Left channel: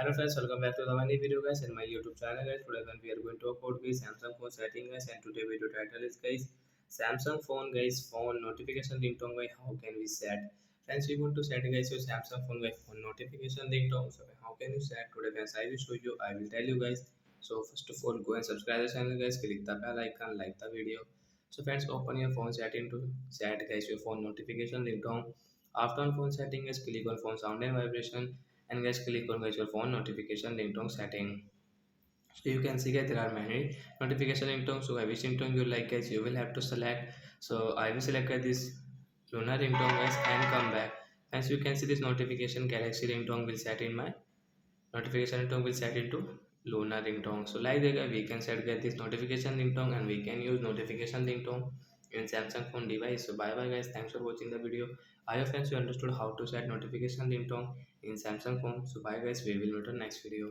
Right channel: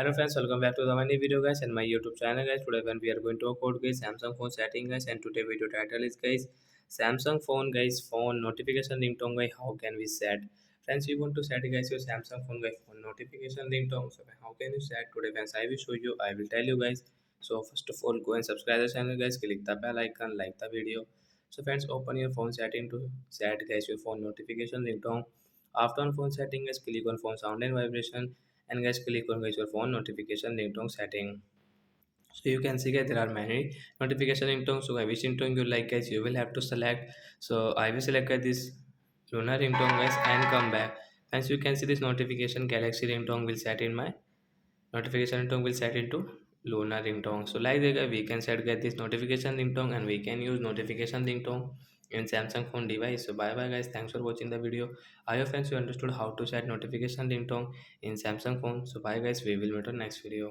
Hello friends, welcome back to the new video guys and my YouTube channel guys. Today when we are going to talk about guys Samsung phone setting guys, and today video title is guys Samsung phone guys phone notification ringtone guys, how can we set. Friends, you want to set guys your Samsung phone guys phone notification ringtone. So how can you set today friends? I will show you, I will tell you guys. So first of all, go and subscribe the channel guys, click the bell icon, like the video. So friends, open your phone setting to set guys your phone notification ringtone. After on phone setting guys, click on phone sound and vibration, and guys click on guys your phone notification ringtone setting. So you can see guys there are many notification ringtones. So which ringtone you like guys, you will have to select. So I will select this lunar ringtone guys and come back. As you can see, this notification galaxy ringtone will set in my notification ringtone will set into lunar ringtone. So like that we can set get this notification ringtone, and we can use notification ringtone in Samsung phone device. So bye bye guys, thanks for watching the video. I hope friends you understood how to set notification ringtone in Samsung phone. So bye guys, we will meet on next video.